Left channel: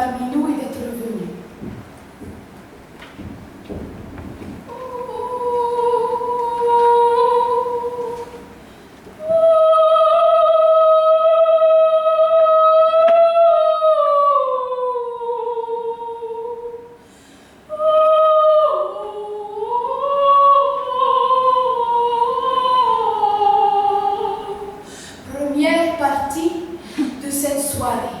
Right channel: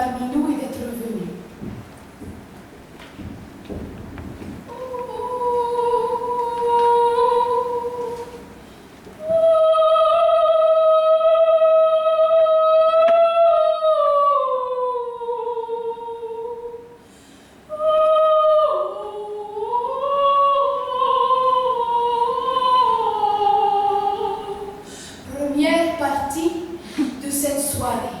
parmi nous et d'être venu. Première partie de cette soirée.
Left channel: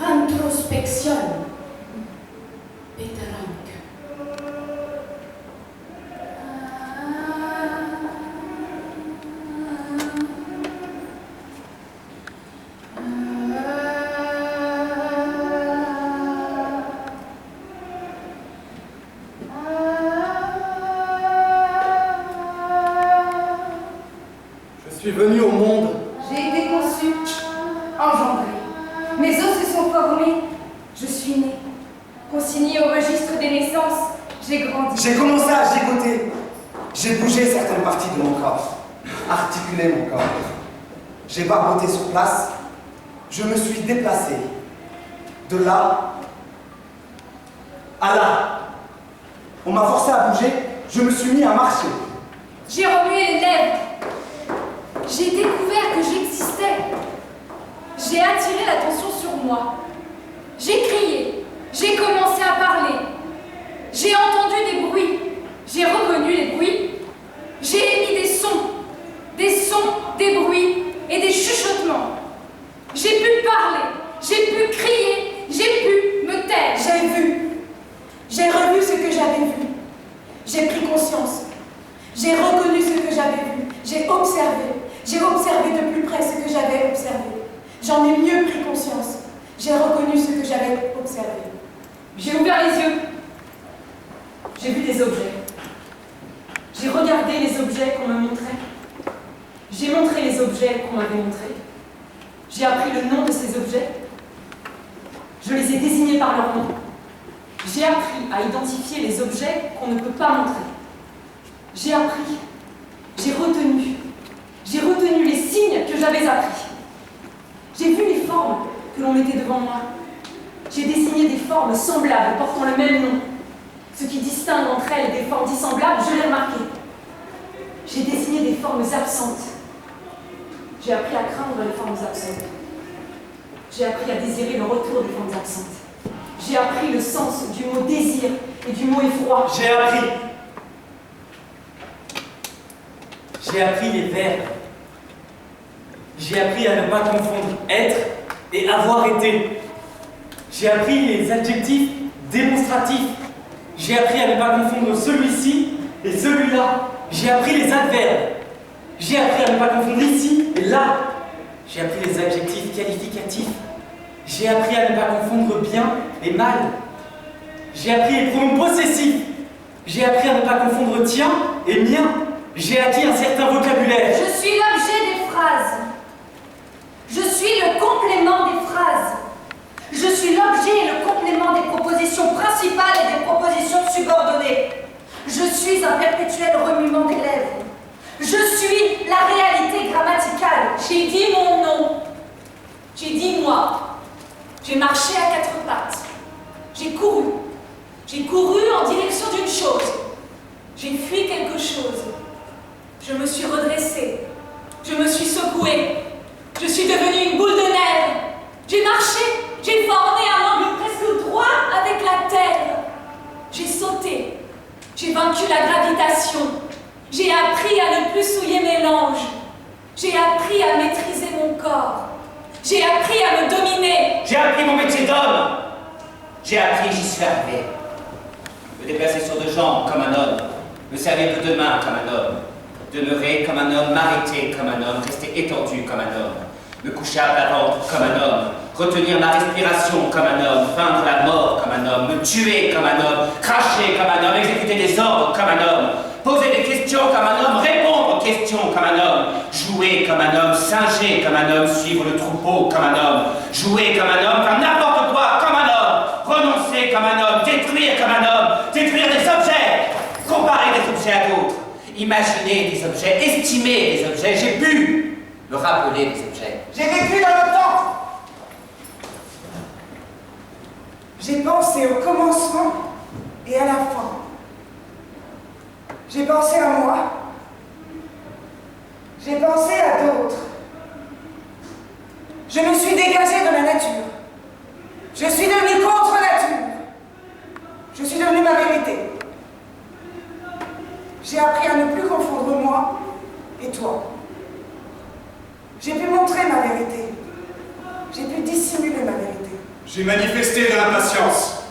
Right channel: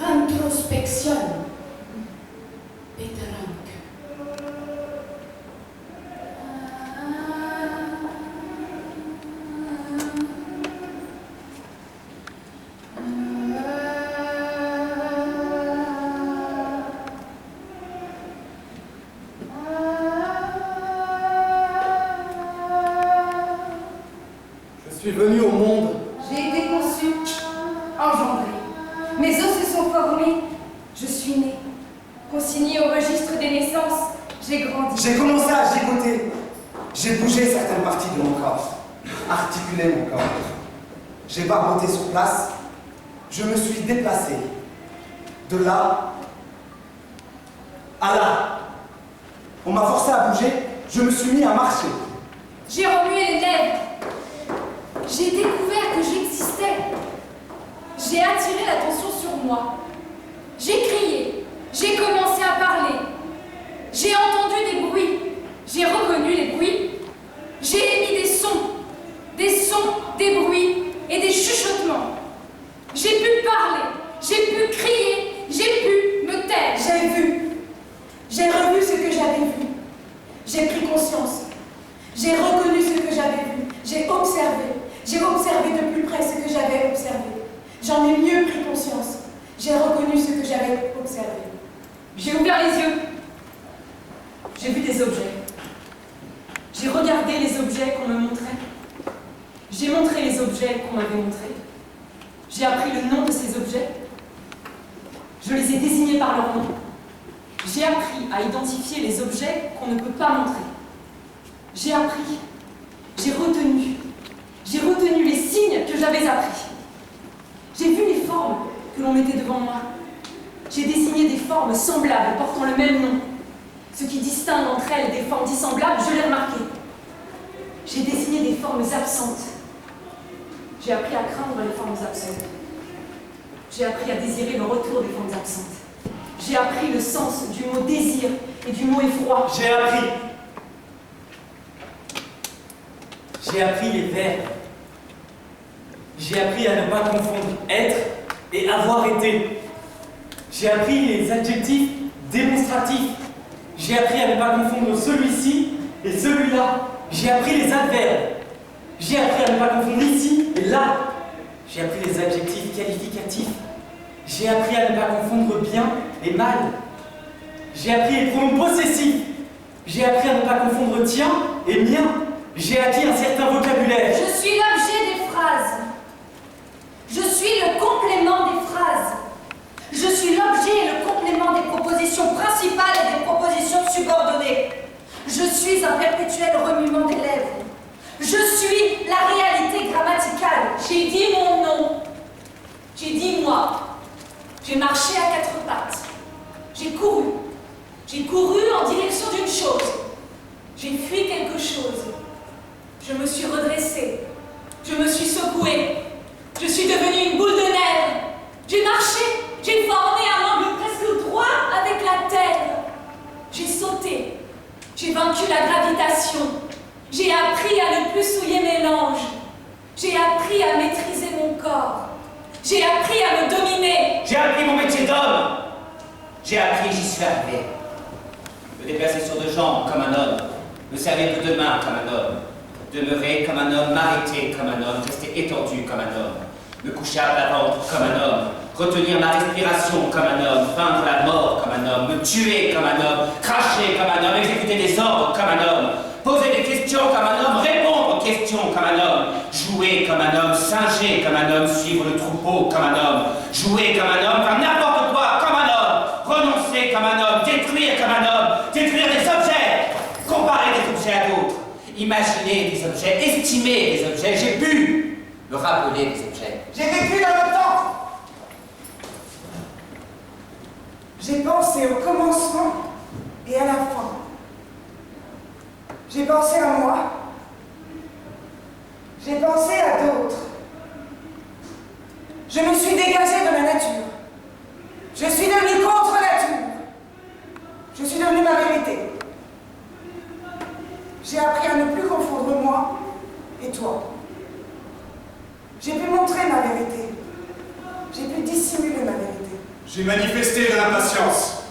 Introspection. Pétalanque. Je suis venu au monde. J'ai été conçue, engendrée. Mes os se sont formés. Je suis née. Consignée au registre des naissances, j'ai grandi. J'ai commencé à gigoter. J'ai bougé certaines parties de mon corps, articulé mon corps. J'ai barboté sur place. Je me suis déplacé. De là à là. On m'a forcé à bouger. Je me suis mis à marcher. J'ai remué les lèvres. J'ai découvert que j'existais. J'ai attiré l'attention sur moi. J'ai crié. J'ai commencé à parler. J'ai entendu des bruits. J'ai reconnu les bruits. J'ai émis des sons, des bruits et des chuchotements. J'ai pu parler. J'ai pu crier. J'ai pu me taire. J'ai vu. J'ai revu ce que j'avais vu. J'ai pris conscience. J'ai reconnu ce que j'avais vu. J'ai observé. J'ai observé de plus près ce que j'avais observé. J'en ai mieux pris conscience. J'ai reconnu ce que j'avais observé. J'ai ouvert les yeux. J'ai vu des objets. J'ai regardé les objets qu'on me montrait. J'ai montré les objets qu'on m'avait montrés. J'ai appris le nom de ces objets. Je les ai désignés par leur nom. J'ai appris à identifier les objets qu'on ne peut pas montrer. J'ai appris. J'ai retenu. J'ai retenu les signes que j'avais appris. J'ai vu les formes que l'on mettait devant moi. J'ai dessiné des formes semblables portant le même nom. Ce qui distingue entre elles des formes dissemblables, je l'ai remarqué. J'ai dessiné des formes absentes. J'ai appris à craindre les formes absentes. J'ai appris à désirer le retour des formes absentes. J'ai appris le sens du mot désir et du mot effroi. J'ai appris. J'ai appris les verbes. J'ai appris à ne pas confondre être et avoir été. J'ai appris les adjectifs démonstratifs. J'ai appris à ne pas confondre celui-ci et celui-là. J'ai appris les adverbes. J'ai appris à ne pas confondre ici et là. J'ai appris les adjectifs qualificatifs. J'ai appris à ne pas confondre bien et mal. J'ai appris les pronoms possessifs. J'ai appris à ne pas confondre tien et mien. J'ai acquis un certain vocabulaire. Je suis l'objet des phrases. Je suis le complément des phrases. Je suis l'objet et le complément des propositions principales et des propositions subordonnées. Je suis un perpétuel remuement des lèvres. Je suis la réalité grammaticale. J'ai dit mon nom. J'ai dit moi. J'ai marché à quatre pattes. J'ai couru. J'ai couru en direction d'une chose. J'ai fui quelque chose. Je me suis redressée. Je me suis secouée. Je suis devenue une boule de neige. J'ai marché. J'ai formé un angle presque droit avec la terre. J'ai sauté. J'ai vaincu la gravitation. J'ai appris à ne plus souiller mes langes. J'ai appris à maîtriser mon corps. J'ai appris à me dominer. J'ai appris mon métier d'homme. J'ai appris, j'y suis arrivé. Me déplacer sur deux jambes comme un homme. Me servir de deux mains comme un homme. Demeurer comme un homme, m'arrêter comme un homme, rester étendu comme un homme. Me coucher à plat ventre comme un homme. Retenir ma respiration comme un homme. Feindre la mort comme un homme. Me tuer comme un homme. Cracher comme un homme. Exécuter des ordres comme un homme. Poser comme un homme, singer comme un homme, suivre le troupeau comme un homme, jouer comme un homme, faire n'importe quoi comme un homme, renoncer comme un homme, détruire comme un homme, détruire des objets, comparer des objets à d'autres, imaginer des objets, estimer des objets. J'ai pu me rappeler des objets. J'ai vécu dans le temps. J'ai pensé au commencement et à la fin. J'ai pensé à moi. J'ai pensé à d'autres. Je me suis dégagée de la nature. Je suis devenue contre nature. Je suis devenue ma vérité. J'ai appris à ne plus confondre moi et toi. J'ai pu montrer ma vérité. J'ai pu dissimuler ma vérité. J'ai manifesté de l'impatience.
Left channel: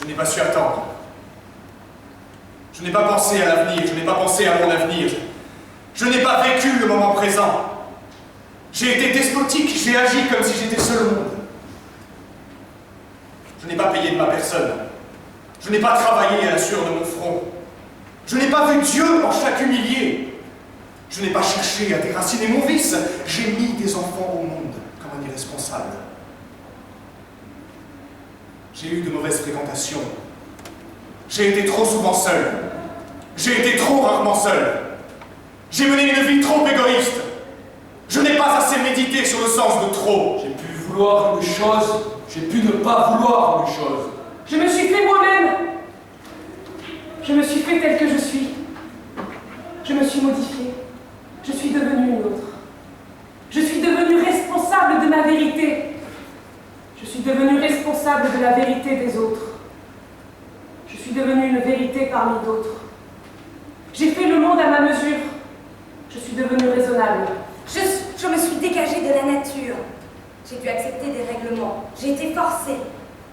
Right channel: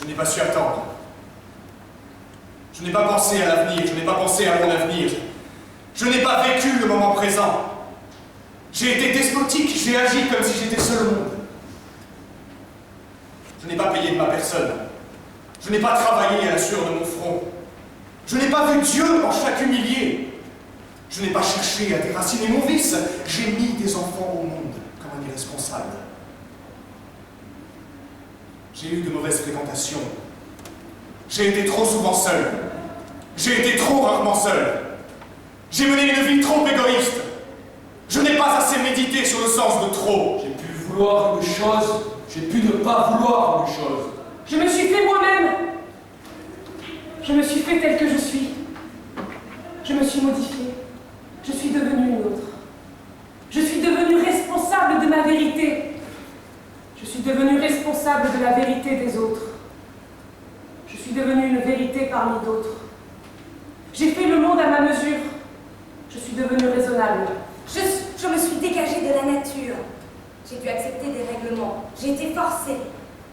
Je n'ai pas su attendre. Je n'ai pas pensé à l'avenir, je n'ai pas pensé à mon avenir. Je n'ai pas vécu le moment présent. J'ai été despotique, j'ai agi comme si j'étais seul au monde. Je n'ai pas payé de ma personne. Je n'ai pas travaillé à la sueur de mon front. Je n'ai pas vu Dieu en chaque humilié. Je n'ai pas cherché à déraciner mon vice. J'ai mis des enfants au monde comme un irresponsable. J'ai eu de mauvaises fréquentations. J'ai été trop souvent seul. J'ai été trop rarement seul. J'ai mené une vie trop égoïste. Je n'ai pas assez médité sur le sens de trop. J'ai pu vouloir une chose, j'ai pu ne pas vouloir une chose. Je me suis fait moi-même. Je me suis fait tel que je suis. Je me suis modifiée. Je suis devenue une autre. Je suis devenue responsable de ma vérité. Je suis devenue responsable de la vérité des autres. Je suis devenue une vérité parmi d'autres. J'ai fait le monde à ma mesure. Je suis devenue raisonnable. Je me suis dégagée de la nature. J'ai dû accepter des règlements. J'ai été forcée.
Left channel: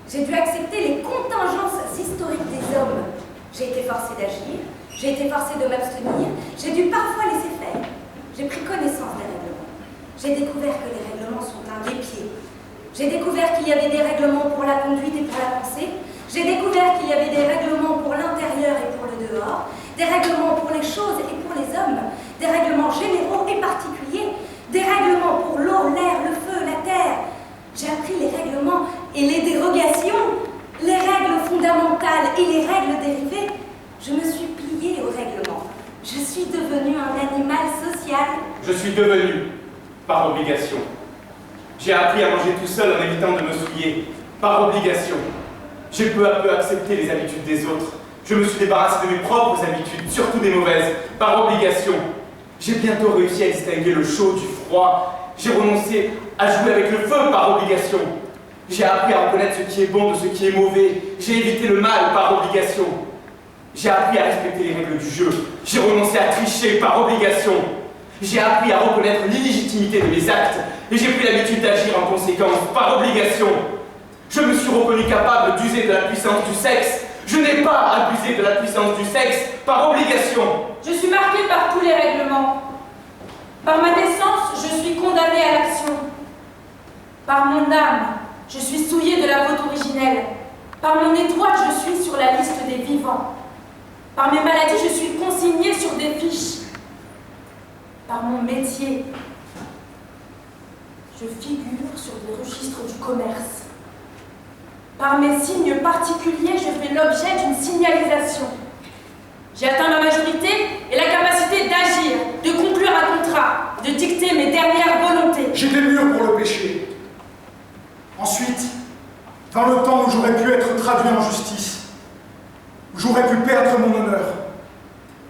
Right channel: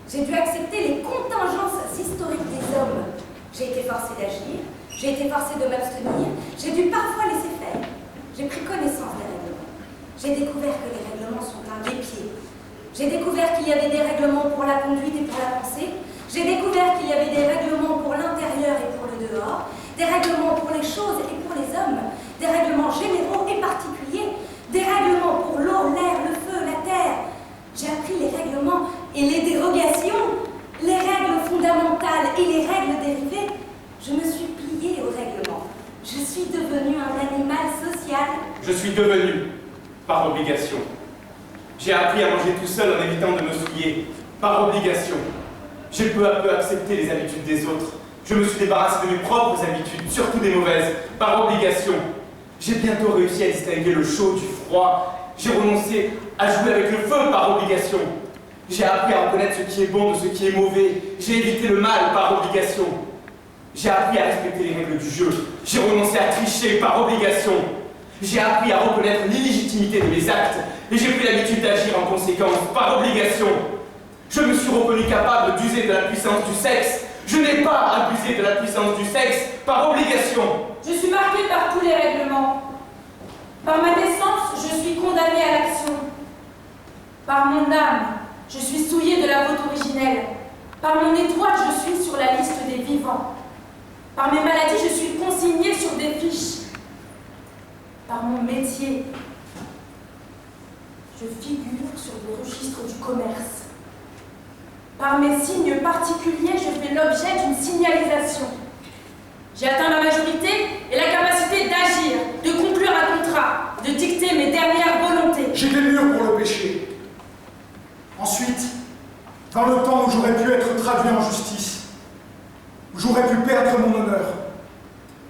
J'ai dû accepter les contingences historiques des hommes. J'ai été forcée d'agir. J'ai été forcée de m'abstenir. J'ai dû parfois laisser faire. J'ai pris connaissance des règlements. J'ai découvert que les règlements sont un guépier. J'ai découvert qu'il y avait des règlements pour la conduite et pour la pensée. J'ai découvert qu'il y avait des règlements pour l'intérieur et pour le dehors, des règlements pour les choses et pour les hommes, des règlements généraux et particuliers, des règlements pour l'eau, l'air, le feu, la terre. J'ai appris les règlements et les dérogations, les règles fondamentales et les règles dérivées. Je me suis pliée aux règlements. Je suis devenue un animal social. Je suis devenu, par obligation. J'ai appris à manger tout seul en évitant de me souiller, par obligation. J'ai peu à peu accepté les habitudes des autres. Je me suis débarrassé de mes propres habitudes, surtout des mauvaises, par obligation. J'ai bientôt réussi à distinguer le chaud du froid. J'ai renoncé à jouer avec le feu par obligation. J'ai appris à reconnaître ce qui est bon de ce qui est mauvais. J'ai évité le mal par obligation. J'ai appris à respecter les règles du jeu. J'ai renoncé à tricher par obligation. J'ai appris à reconnaître l'illégitimité de mes actes. Et j'ai pris l'habitude d'agir en conséquence par obligation. Je me suis reconnu capable d'user de la puissance du sexe. Je n'ai pas abusé de la puissance du sexe par obligation. Je suis marquée par tous les règlements. Par ma naissance, je suis condamnée à l'action. Par mon âme, je suis souillée de la faute originelle. Par mon étoile, je suis sur la liste des vivants. Par mes maladies, je suis consignée sur des fiches. Par mon métier, je figure sur des registres du commerce. Par mes signes particuliers, je fais l'objet d'une signalisation. J'ai atteint la majorité et la capacité d'agir, de conclure un contrat, de dicter mes dernières volontés. J'étais mûr pour le péché. Ensuite, dans le temps où j'aurais pu être traduit en justice, où j'aurais pu perdre mon honneur,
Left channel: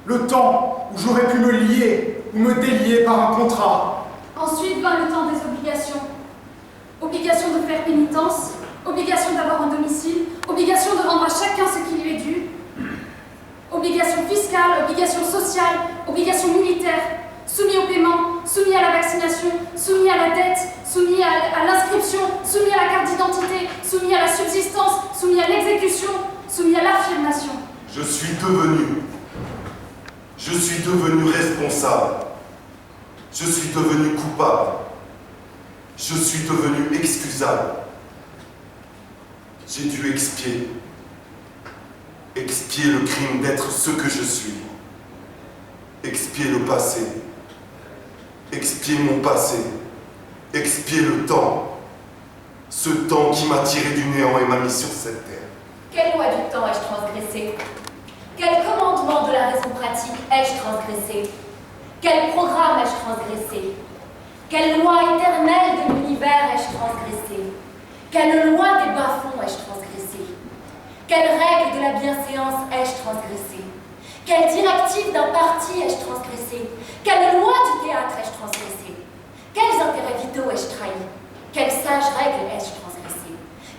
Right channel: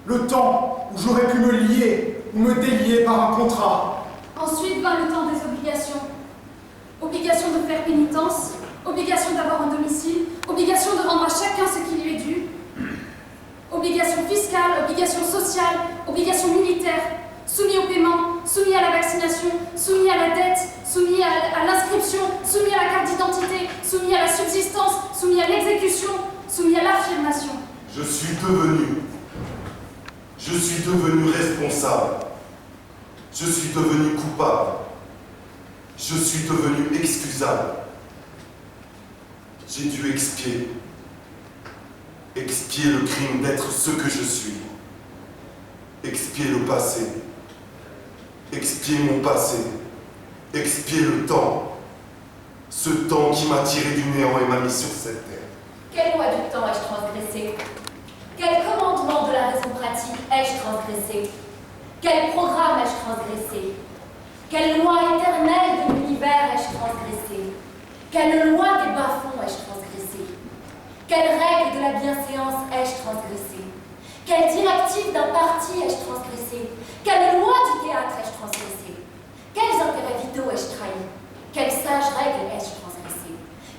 le temps où j'aurais pu me lier ou me délier par un contrat. Ensuite vint le temps des obligations. Obligation de faire pénitence, obligation d'avoir un domicile, obligation de rendre à chacun ce qui lui est dû, obligation fiscale, obligation sociale, obligation militaire, soumis au paiement, soumis à la vaccination, soumis à la dette, soumis à l'inscription, soumis à la carte d'identité, soumis à la subsistance, soumis à l'exécution, soumis à l'affirmation. Je suis devenu responsable. Je suis devenu coupable. Je suis devenu excusable. J'ai dû expier le crime d'être ce que je suis. Expier le passé expier mon passé, expier le temps, ce temps qui m'a tiré du néant et m'a mis sur cette terre. Quelle loi du temps ai-je transgressé? Quel commandement de la raison pratique ai-je transgressé? Quel programme ai-je transgressé? Quelle loi éternelle de l'univers ai-je transgressé? Quelle loi des bas-fonds ai-je transgressé? Quelle règle de la bienséance ai-je transgressé? Quelle directive d'un parti ai-je transgressé? Quelle loi du théâtre ai-je transgressé? Quels intérêts vitaux ai-je trahi? Quelle sage règle ai-je transgressé?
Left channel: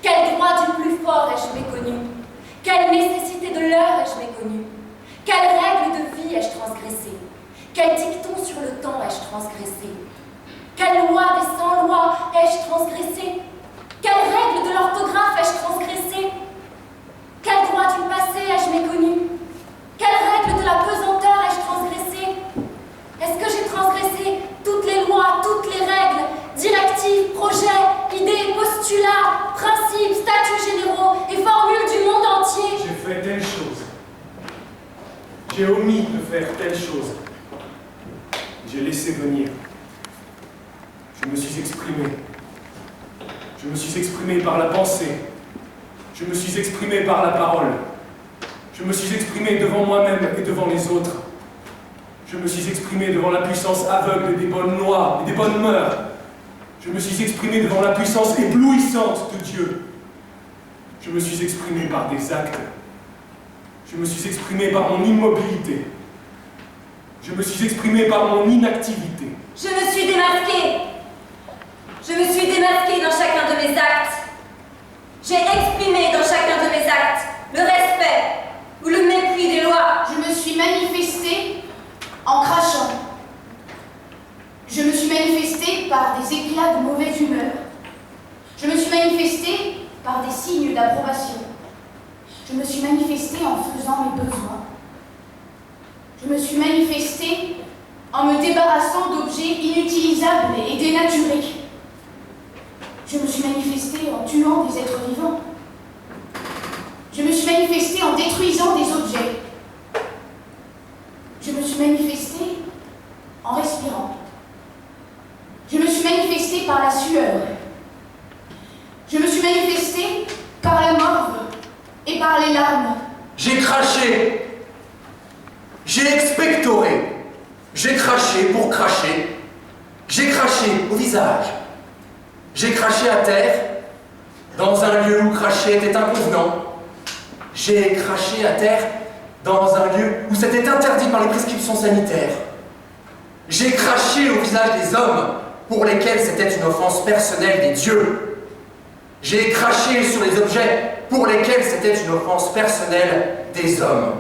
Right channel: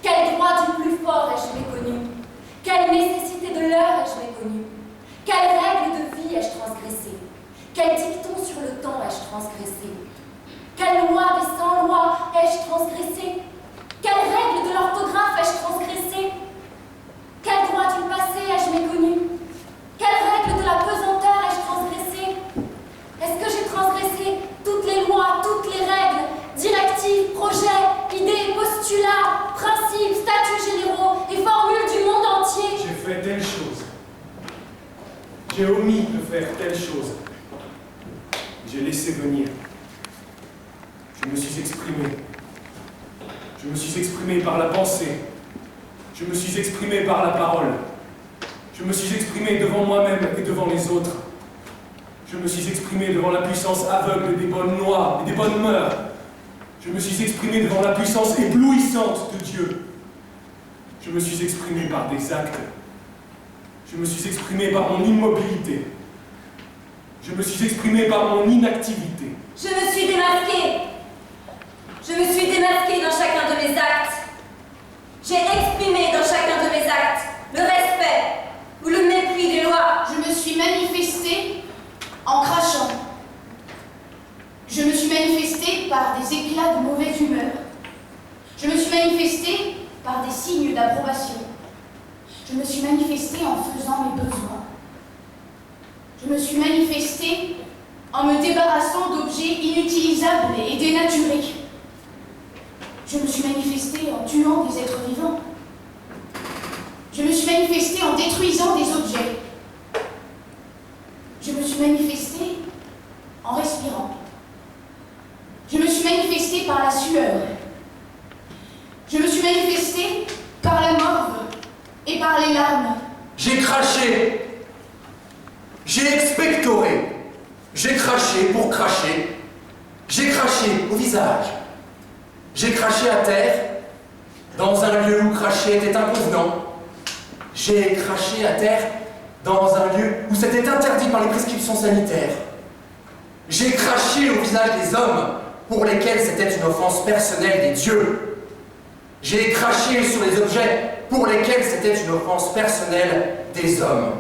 Quel droit du plus fort ai-je méconnu? Quelle nécessité de l'heure ai-je méconnu? Quelle règle de vie ai-je transgressé? Quel dicton sur le temps ai-je transgressé? Quelle loi des 100 lois ai-je transgressé? Quelle règle de l'orthographe ai-je transgressé? Quel droit du passé ai-je méconnu? Quelle règle de la pesanteur ai-je transgressé? Est-ce que j'ai transgressé toutes les lois, toutes les règles, directives, projets, idées, postulats, principes, statuts généraux et formules du monde entier? J'ai fait telle chose. J'ai omis de faire telle chose. J'ai laissé venir. Je me suis exprimé. Je me suis exprimé par la pensée. Je me suis exprimé par la parole. Je me suis exprimé devant moi-même et devant les autres. Je me suis exprimé devant la puissance aveugle des bonnes lois et des bonnes mœurs. Je me suis exprimé devant la puissance éblouissante de Dieu. Je me suis exprimé par des actes. Je me suis exprimé par mon immobilité. Je me suis exprimé par mon inactivité. Je me suis démasquée. Je me suis démasquée dans chacun de mes actes. J'ai exprimé dans chacun de mes actes le respect ou le mépris des lois. Je me suis manifestée en crachant. Je me suis manifestée par des éclats de mauvaise humeur. Je me suis manifestée par des signes d'approbation. Je me suis manifestée en faisant mes besoins. Je me suis manifestée en me débarrassant d'objets inutilisables et dénaturés. Je me suis manifestée en tuant des êtres vivants. Je me suis manifestée en détruisant des objets. Je me suis manifestée en respirant. Je me suis manifestée par la sueur. Je me suis manifestée par la morve et par les larmes. J'ai craché. J'ai expectoré. J'ai craché pour cracher. J'ai craché au visage. J'ai craché à terre, dans un lieu où cracher était inconvenant. J'ai craché à terre, dans un lieu où c'était interdit par les prescriptions sanitaires. J'ai craché au visage des hommes, pour lesquels c'était une offense personnelle des dieux. J'ai craché sur les objets, pour lesquels c'était une offense personnelle des hommes.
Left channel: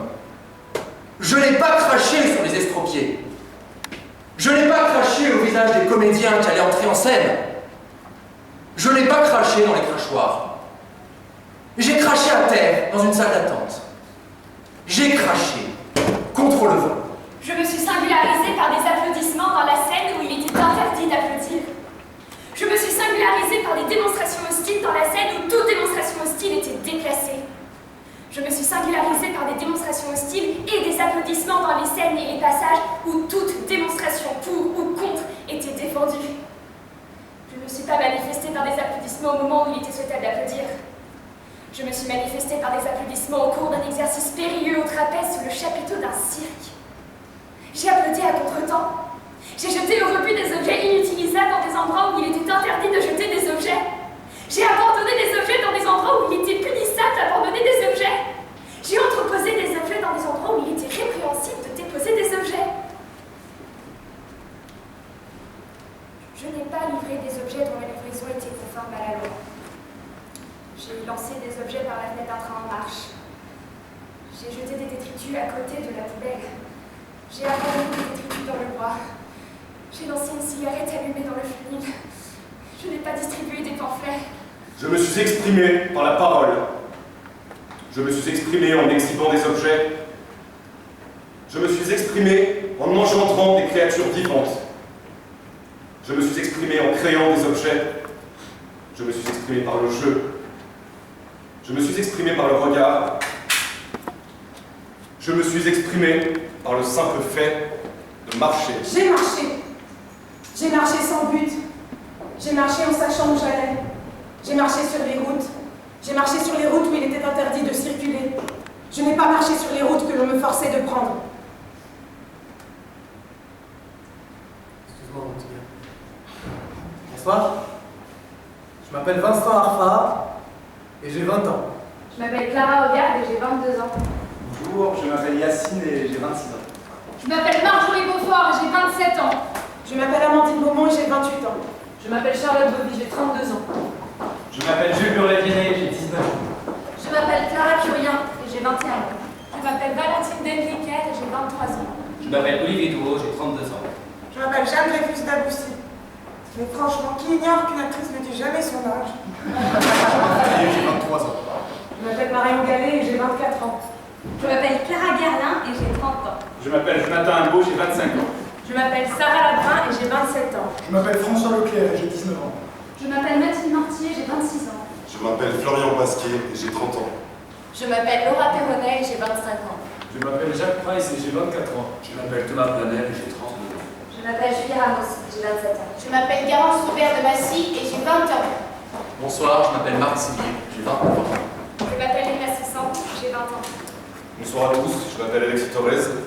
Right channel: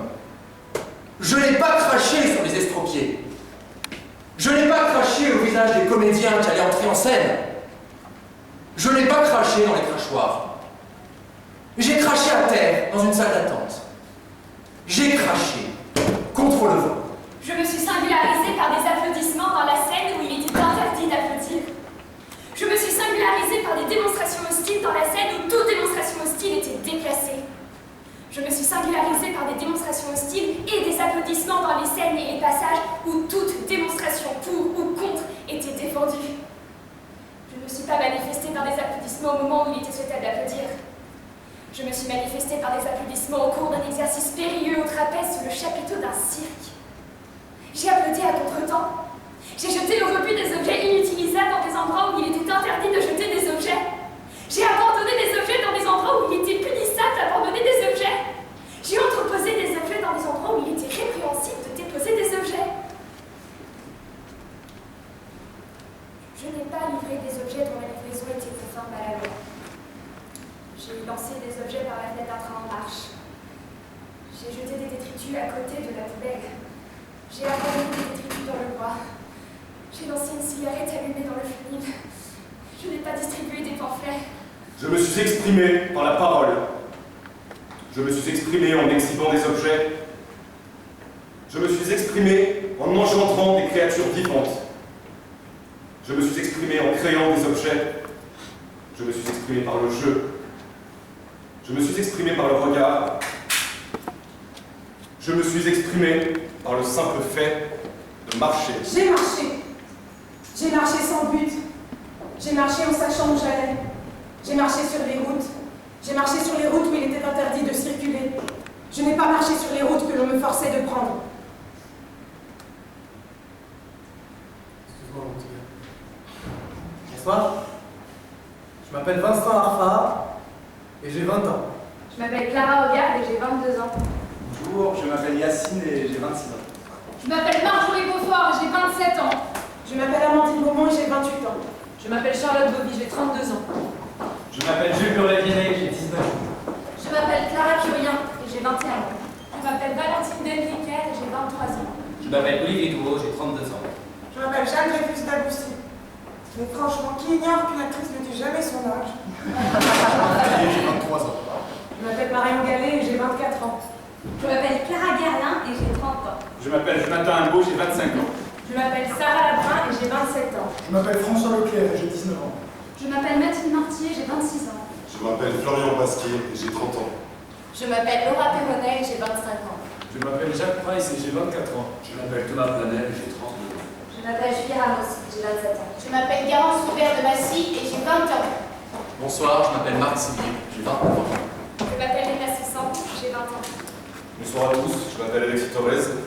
Je n'ai pas craché sur les estropiés. Je n'ai pas craché au visage des comédiens qui allaient entrer en scène. Je n'ai pas craché dans les crachoirs. J'ai craché à terre dans une salle d'attente. J'ai craché contre le vent. Je me suis singularisée par des applaudissements dans la scène où il était interdit d'applaudir. Je me suis singularisée par des démonstrations hostiles dans la scène où toute démonstration hostile était déclassée. Je me suis singularisée par des démonstrations hostiles et des applaudissements dans les scènes et les passages où toute démonstration pour ou contre était défendue. Je ne me suis pas manifestée par des applaudissements au moment où il était souhaitable d'applaudir. Je me suis manifestée par des applaudissements au cours d'un exercice périlleux au trapèze sous le chapiteau d'un cirque. J'ai applaudi à contre-temps. J'ai jeté au rebut des objets inutilisables dans des endroits où il était interdit de jeter des objets. J'ai abandonné des objets dans des endroits où il était punissable d'abandonner des objets. J'ai entreposé des objets dans des endroits où il était répréhensible de déposer des objets. Je n'ai pas livré des objets dont la livraison était conforme à la loi. J'ai lancé des objets par la fenêtre d'un train en marche. J'ai jeté des détritus à côté de la poubelle. J'ai abandonné des détritus dans le bois. J'ai lancé une cigarette allumée dans le fumil. Je n'ai pas distribué des pamphlets. Je me suis exprimé par la parole. Je me suis exprimé en exhibant des objets. Je me suis exprimé en engendrant des créatures vivantes. Je me suis exprimé en créant des objets. Je me suis exprimé par le jeu. Je me suis exprimé par le regard. Je me suis exprimé par le simple fait de marcher. J'ai marché. J'ai marché sans but. J'ai marché en sachant où j'allais. J'ai marché sur les routes. J'ai marché sur les routes où il était interdit de circuler. Je n'ai pas marché sur les routes que l'on me forçait de prendre. Excuse-moi, mon petit gars. Bonsoir. Je m'appelle Vincent Arfa et j'ai 20 ans. Je m'appelle Clara Hogarth et j'ai 22 ans. Bonjour, je m'appelle Yacine et j'ai 26 ans. Je m'appelle Marjorie Beaufort et j'ai 27 ans. Je m'appelle Amandine Beaumont et j'ai 28 ans. Je m'appelle Charlotte Bobby, j'ai 32 ans. Je m'appelle Jules Burlet-Viennet, j'ai 19 ans. Je m'appelle Clara Curien et j'ai 21 ans. Je m'appelle Valentine Denriquet et j'ai 23 ans. Je m'appelle Olivier Douault, j'ai 32 ans. Je m'appelle Jeanne Dreyfus d'Aboussi. Mais franchement, qui ignore qu'une actrice ne dit jamais son âge? J'ai 23 ans. Je m'appelle Marion Gallet et j'ai 24 ans. Je m'appelle Clara Guerlain et j'ai 30 ans. Je m'appelle Jonathan Imbeau, j'ai 25 ans. Je m'appelle Sarah Labrun et j'ai 27 ans. Je m'appelle François Leclerc et j'ai 19 ans. Je m'appelle Mathilde Mortier et j'ai 26 ans. Je m'appelle Florian Pasquier et j'ai 30 ans. Je m'appelle Laura Perronnet et j'ai 25 ans. Je m'appelle Jacques Price et j'ai 24 ans. Je m'appelle Thomas Planel et j'ai 32 ans. Je m'appelle Julie Ramos et j'ai 27 ans. Je m'appelle Garance Robert de Massy et j'ai 20 ans. Bonsoir, je m'appelle Marc Sivier, j'ai 29 ans. Je m'appelle Lina Cessan, j'ai 20 ans. Bonsoir à tous, je m'appelle Alexis Torres,